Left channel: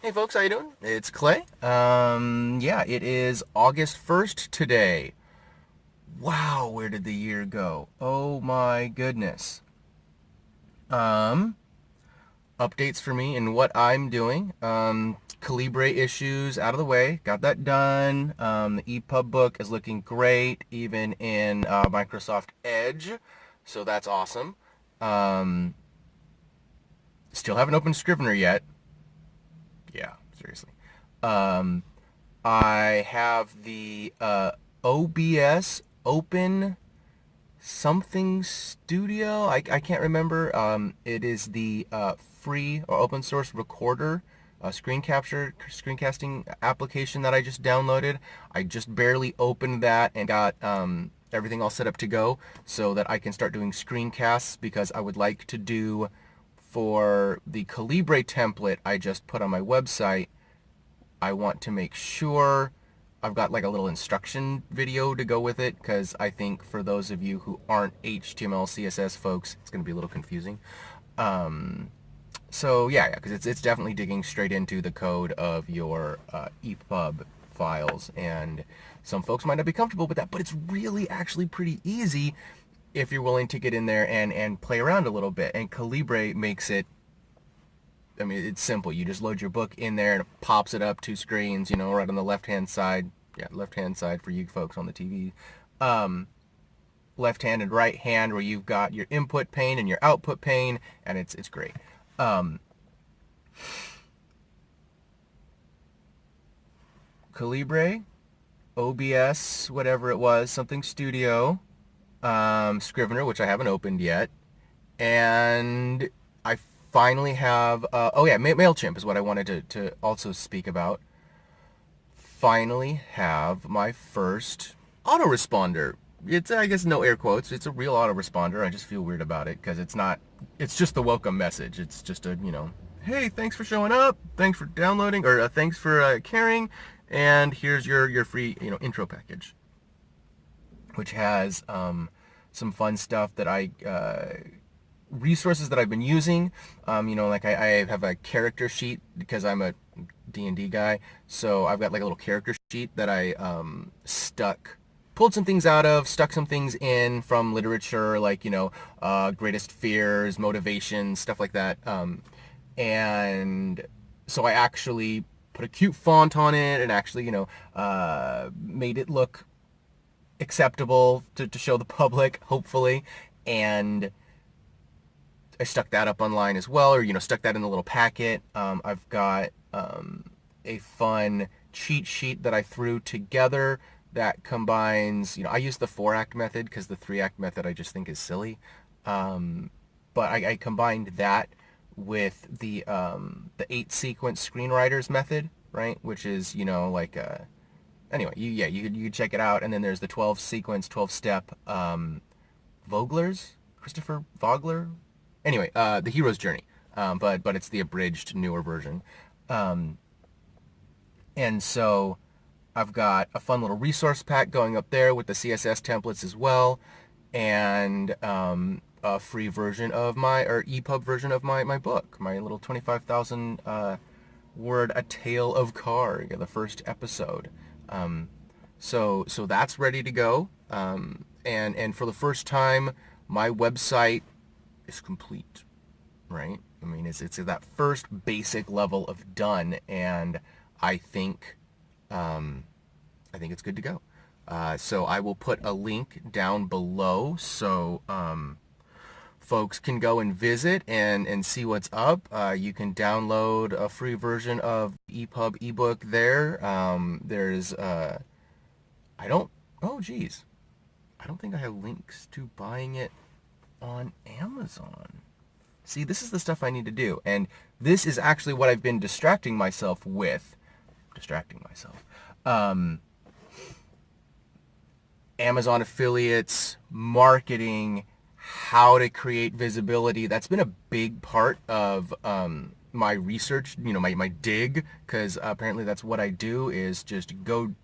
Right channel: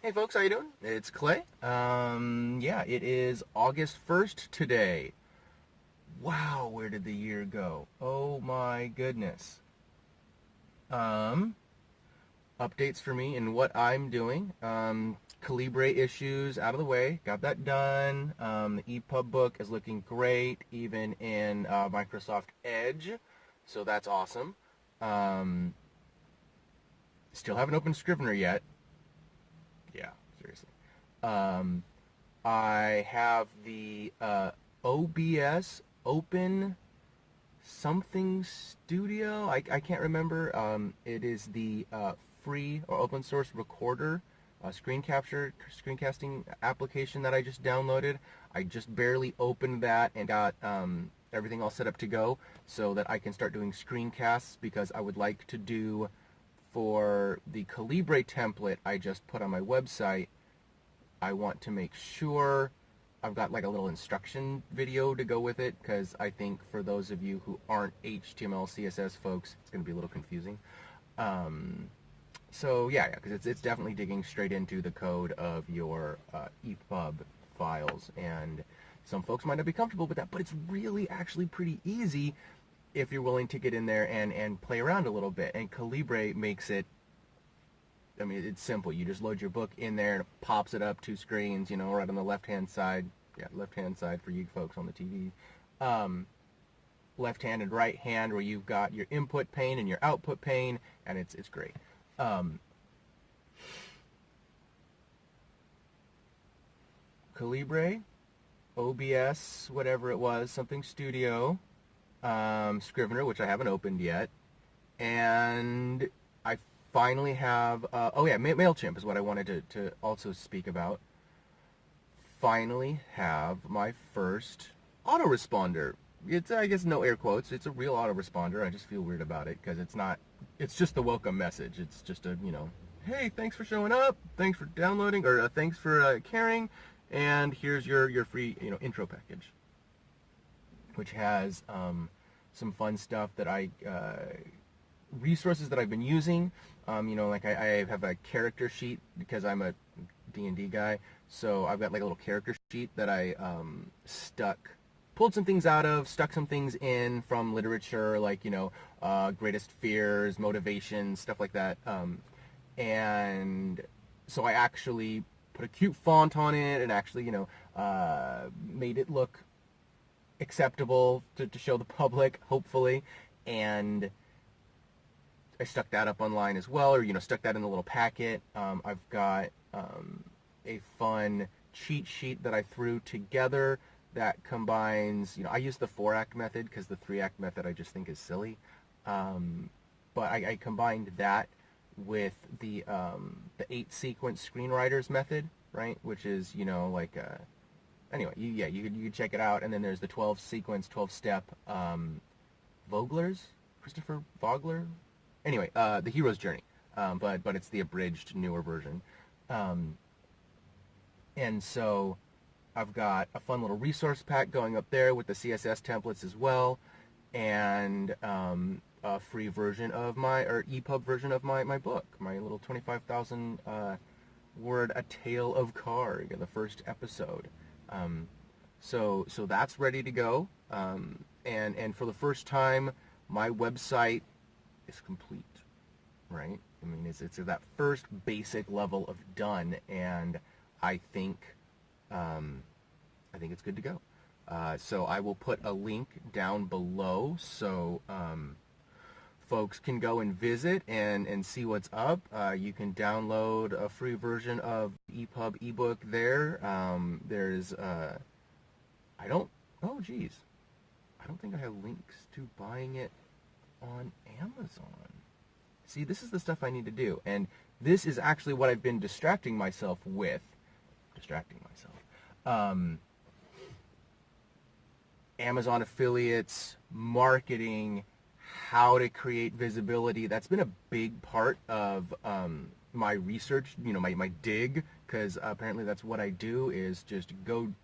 Hey folks, how you doing? It's Clay. Yeah, it is August 1st today. Wow, where did the year go? Oh my goodness. Um, Updates for me and what I'm doing. Calibre issues out of the way. Got that done. The EPUB book is looking great, even in Microsoft Edge. So that's awesome. Um, Still haven't opened Scrivener yet. Yeah, seriously. Um, I have the OBS Open something studio. I can't remember. It is the free or open source recorder, screencasting application that I just downloaded. I just barely opened that and got everything all set up to go so that I can start doing screencasts because I would like to do for the Calibre template I just put on my website. I want to make sure I've got like a little instruction video to go with it because I think for those of you who aren't HTML CSS folks, it's going to be a little confusing. Um, so yeah, because it's definitely digging straight into the code of your EPUB files, and some folks might not be comfortable with that, but it's really actually pretty easy if you're willing to get in there and play around a little bit. And Calibre makes it, I mean, it's simple. You just load your book in there and it pops it up two screens, right on the left-hand side. Yeah, left-hand side for you folks on the TV. Um, Left hand and right hand where you've got your input pane and your output pane, and it's great. Um, Calibre, OBS, whatever it was, something Studio, Scrivener, which I haven't opened yet, and I finally have, oh yeah, MailChimp is what I wanted to also speak about. Finally have my first autoresponder. It's, I guess, no air quotes. It's a real autoresponder. I just feel weird about it because it's not, it's just the welcome message. It's just a, hey, thanks for showing up. Thanks for downloading, or thanks for caring. And here's your free, intro package, which has some fun stuff that resources that I've been using. Like I have a character sheet because I'm a D&D guy. So I've got like a little character sheet that I pulled some things out of, stuck some things in from literature, like, greatest fears, motivations, stuff like that. And so I actually put a cute font on it and actually, made it look acceptable to show the public, hopefully. And I stuck that up online as well, or stuck that in a little packet. I've got a fun cheat sheet that I threw together that combines. I use the 4-act method because the 3-act method I just think is silly. But I combined that with the 8-sequence screenwriters method, right? Which is like anyway, you could check it out. And then there's the 12-sequence, 12-step Vogler's Christopher Vogler. Anyway, the hero's journey, but it's the abridged newer version. Um, and so I've got a fun little resource pack going up there with the CSS templates as well, and a free version of my, or EPUB version of my book, my little 25,000 word A Tale of Karg, the first episode. Um, so that's ready to go. And for the first time, my website is complete, right? I mean, it's that first basic level of done, and I think I think it's good to go. So I will put a link down below so folks can go and visit and see what's up. You can download a free version of EPUB ebook there. There's I don't, oh geez, I don't think I have links to buying it on Amazon. See, this is the stuff I need to do. And this is actually what I've been distracting myself with. Distracting myself. Amazon affiliates, marketing, how to create visibility. That's been a big part of my research, my dig, because apparently that's what I do, is just go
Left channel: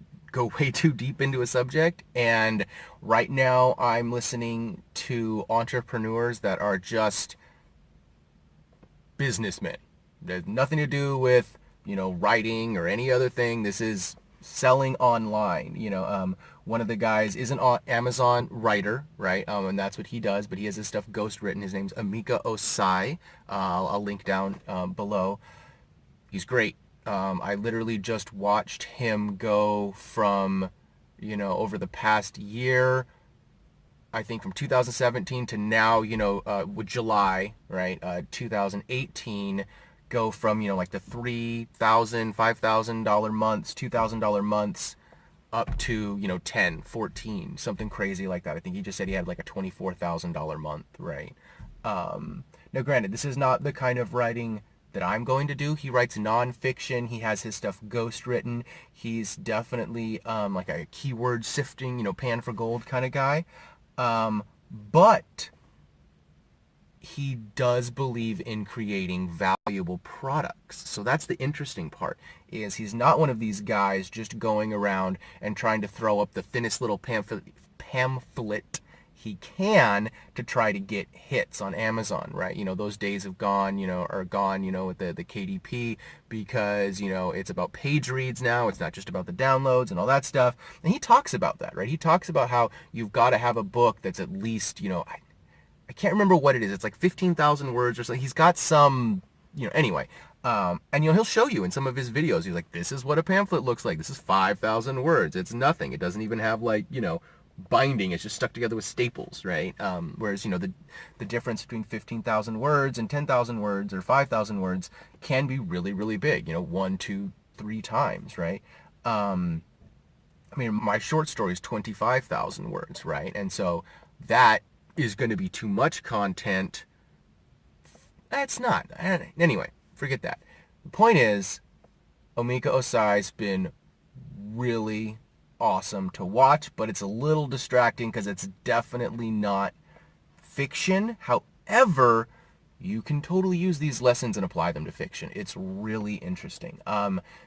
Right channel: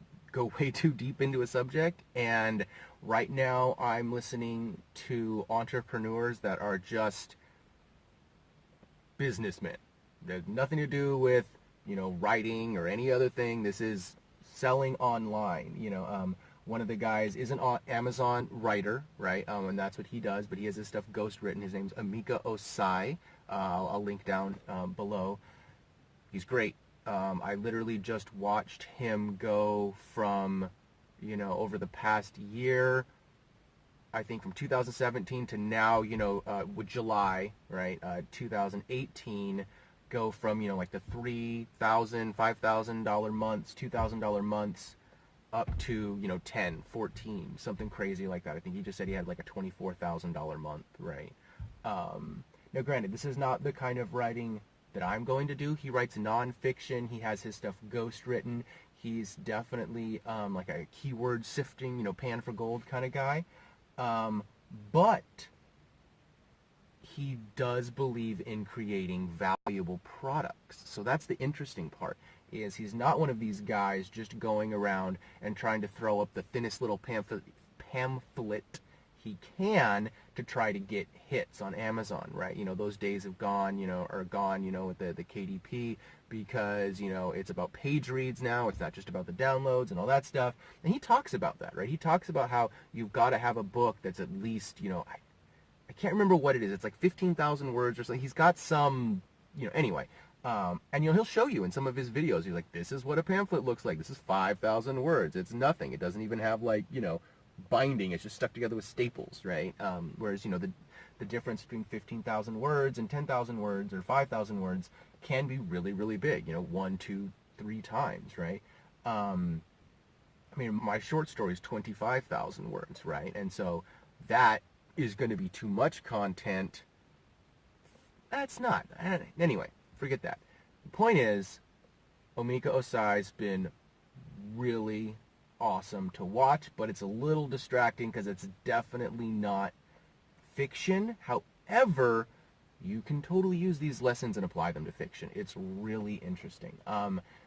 way too deep into a subject. And right now I'm listening to entrepreneurs that are just businessmen. There's nothing to do with writing or any other thing. This is selling online. One of the guys is an Amazon writer, right? And that's what he does, but he has his stuff ghost written. His name's Amika Osai. I'll link down below. He's great. I literally just watched him go from, over the past year, I think from 2017 to now, with July, right, 2018, go from, like the $3,000, $5,000 months, $2,000 months, up to 10, 14, something crazy like that. I think he just said he had like a $24,000 month, right? Now granted, this is not the kind of writing that I'm going to do. He writes nonfiction. He has his stuff ghost written. He's definitely like a keyword sifting, pan for gold kind of guy. But he does believe in creating valuable products. So that's the interesting part, is he's not one of these guys just going around and trying to throw up the thinnest little pamphlet he can to try to get hits on Amazon, right? Those days have gone, are gone, with the KDP, because, it's about page reads now. It's not just about the downloads and all that stuff. And he talks about that, right? He talks about how you've got to have a book that's at least, I can't remember what it is. It's like 15,000 words or something. He's got some, anyway. And he'll show you in some of his videos. He's like, this is what a pamphlet looks like. This is 5,000 words. It's nothing. It doesn't even have like, binding. It's just stuck together with staples, right? Whereas, the difference between 15,000 words and 10,000 words or 5,000 words can be really, really big, 1, 2, 3 times, right? My short story is 25,000 words, right? And so that is going to be too much content. That's not. Anyway, forget that. The point is, Amika Osai's been really awesome to watch, but it's a little distracting because it's definitely not fiction. However, you can totally use these lessons and apply them to fiction. It's really interesting.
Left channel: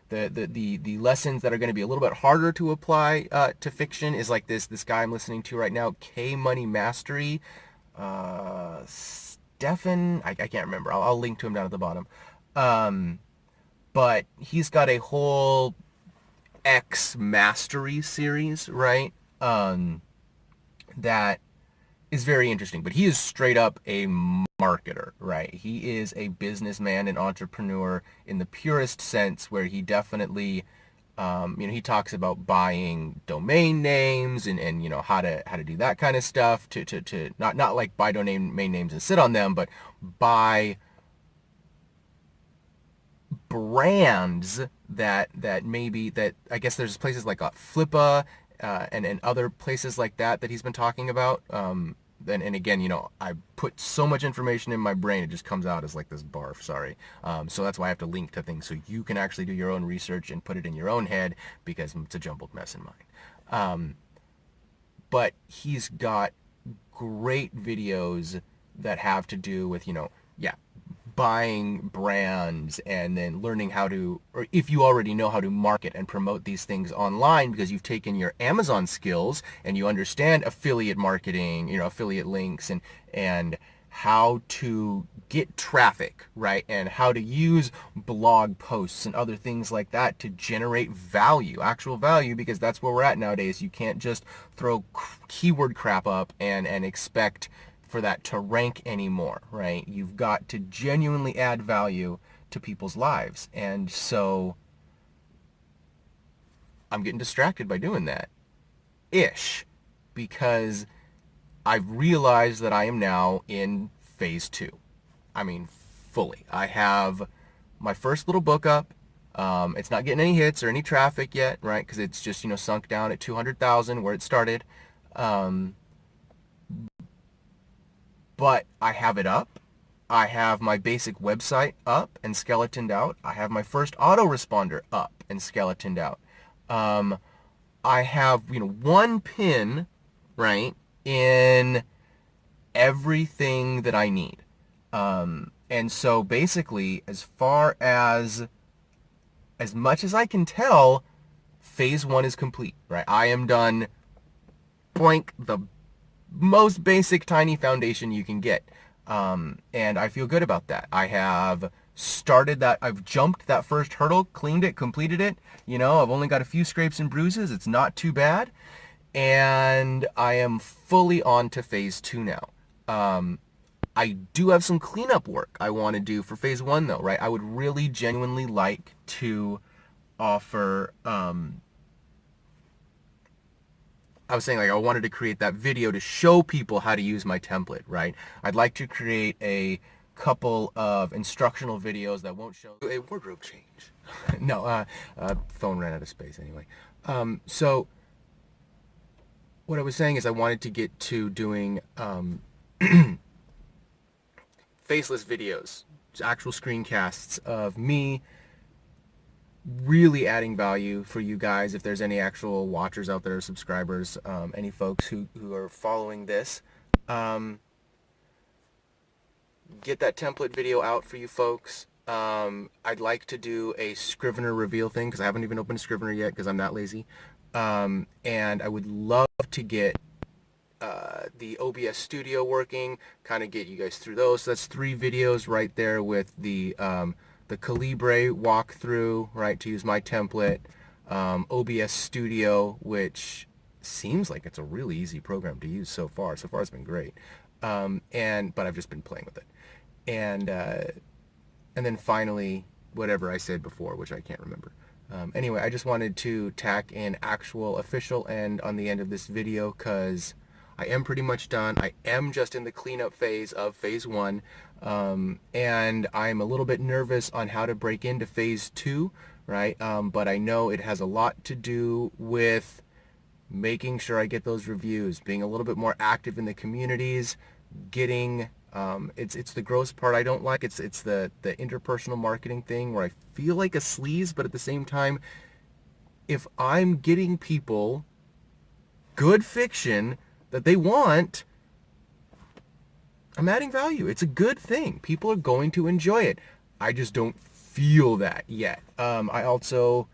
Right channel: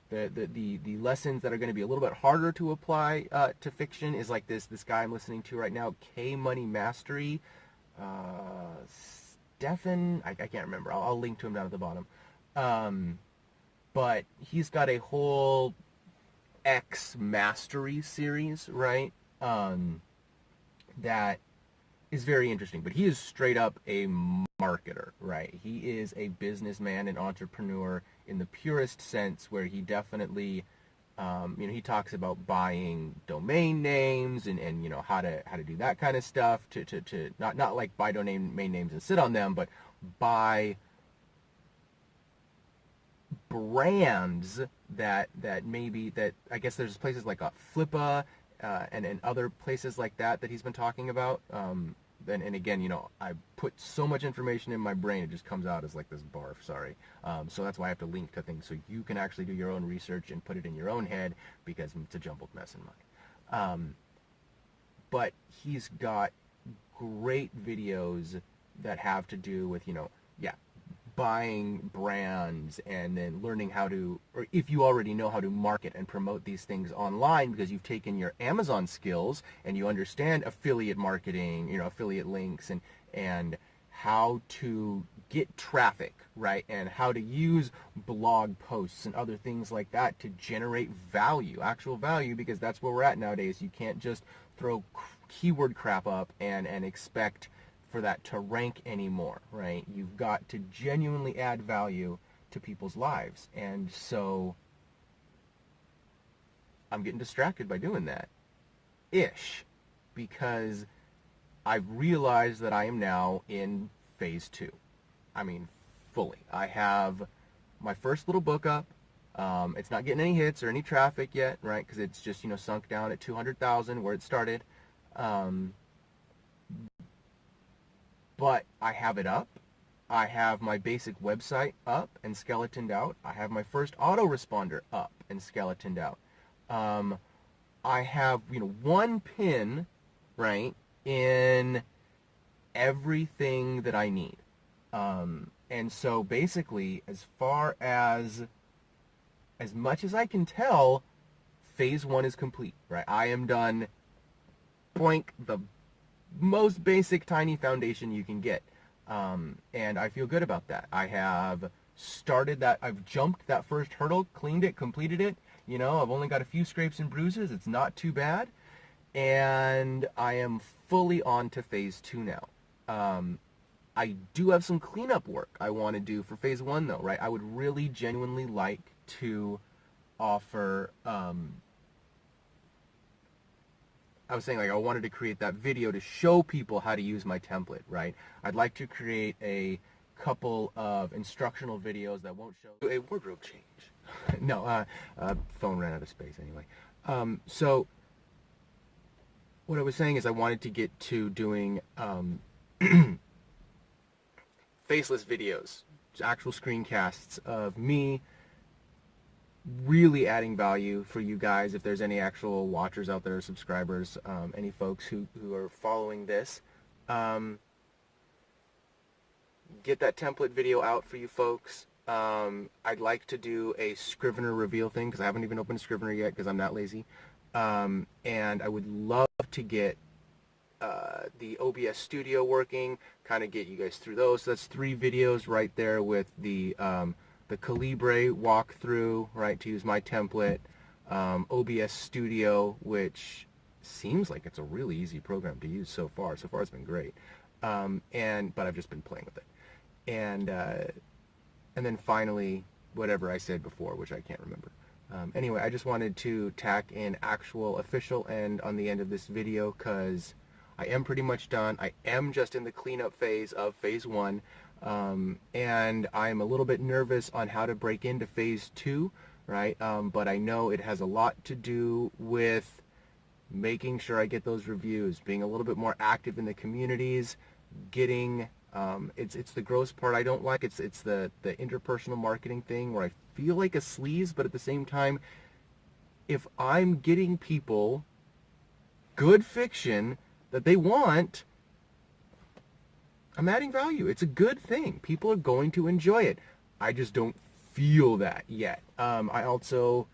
The lessons that are going to be a little bit harder to apply to fiction is like this guy I'm listening to right now, K Money Mastery. Stefan, I can't remember. I'll link to him down at the bottom. But he's got a whole X Mastery series, right? That is very interesting. But he is straight up a marketer, right? He is a businessman and entrepreneur in the purest sense, where he definitely, he talks about buying domain names and how to do that kind of stuff to not like buy domain names and sit on them, but buy brands that maybe that I guess there's places like Flippa and other places like that he's been talking about. And again, I put so much information in my brain, it just comes out as like this barf, sorry. So that's why I have to link to things so you can actually do your own research and put it in your own head, because it's a jumbled mess in mine. But he's got great videos that have to do with, buying brands and then learning how to, or if you already know how to market and promote these things online because you've taken your Amazon skills and you understand affiliate marketing, affiliate links and how to get traffic, right? And how to use blog posts and other things like that to generate value, actual value, because that's where we're at nowadays. You can't just throw keyword crap up and expect for that to rank anymore, right? You've got to genuinely add value to people's lives. And so I'm getting distracted by doing that ish, because I've realized that I am now in phase 2. Fully. I have my first little book up. It's not getting any hits or any traffic yet, right? Because it's just, sunk down at 200,000 where it started. But I have it up. I have my basic website up and skeletoned out. I have my first autoresponder up and skeletoned out. I have, one pin, right, in everything that I need. And so basically, as much as I can tell, phase 1 is complete, right? I am done, blank, the most basic tiny foundation you can get. And I feel good about that. I have started that, I've jumped that first hurdle, cleaned it, completed it. You know, I've only got a few scrapes and bruises. It's not too bad. And I am fully on to phase 2 now. I do have some cleanup work I want to do for phase 1 though, right? I would really genuinely like to offer, I was saying, like, I wanted to create that video to show people how to use my template, right? I'd like to create a couple of instructional videos that won't show a wardrobe change. No, phone ran out of space anyway. So what I was saying is I wanted to get to doing faceless videos, actual screencasts of me really adding value for you guys. If there's any actual watchers out there, subscribers, any folks who are following this, get that template video out for you folks. I'd like to do a Scrivener reveal thing because I haven't even opened Scrivener yet because I'm that lazy. And I would love to get the OBS studio working, kind of get you guys through those. So that's 3 videos right there with the Calibre walkthrough, right, to use my template, OBS studio, which seems like it's a really easy program to use so far. So far it's been great. But I've just been playing with it. And then finally, whatever I said before, which I can't remember. Anyway, I just wanted to tack in actual official end on the end of this video because I am pretty much done. I am just in the cleanup phase of phase 1. And I'm a little bit nervous on how to break into phase 2, right? But I know it has a lot to do with making sure I get those reviews, being a little bit more active in the communities, getting it's the gross part I don't like. It's the interpersonal marketing thing where I feel like a sleaze, but at the same time, if I'm getting people good fiction that they want, I'm adding value. It's a good thing. People are going to enjoy it. I just don't feel that yet. I also,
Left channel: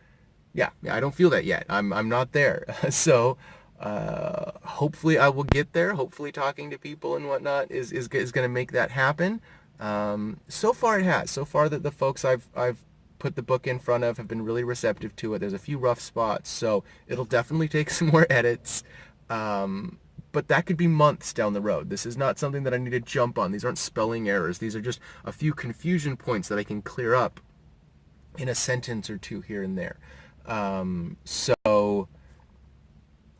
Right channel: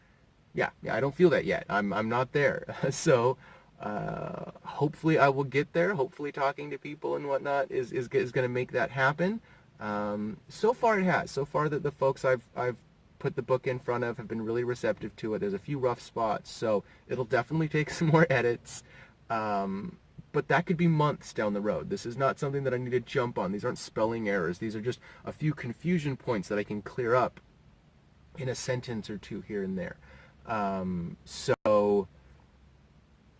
yeah, I don't feel that yet. I'm not there. So hopefully I will get there. Hopefully talking to people and whatnot is going to make that happen. So far it has. So far that the folks I've put the book in front of have been really receptive to it. There's a few rough spots, so it'll definitely take some more edits. But that could be months down the road. This is not something that I need to jump on. These aren't spelling errors. These are just a few confusion points that I can clear up in a sentence or two here and there. So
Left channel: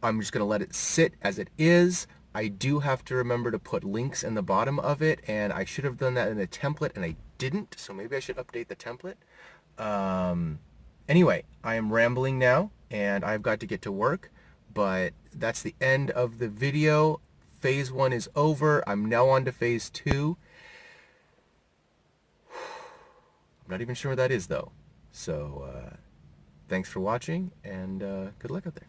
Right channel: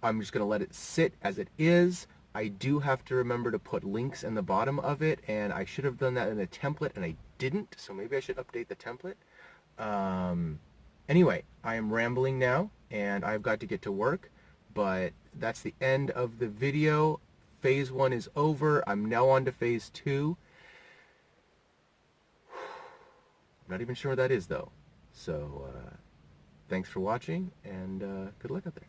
I'm just going to let it sit as it is. I do have to remember to put links in the bottom of it, and I should have done that in the template, and I didn't, so maybe I should update the template. Anyway, I am rambling now, and I've got to get to work, but that's the end of the video. Phase 1 is over. I'm now on to phase 2. I'm not even sure what that is, though. So, thanks for watching, and good luck out there.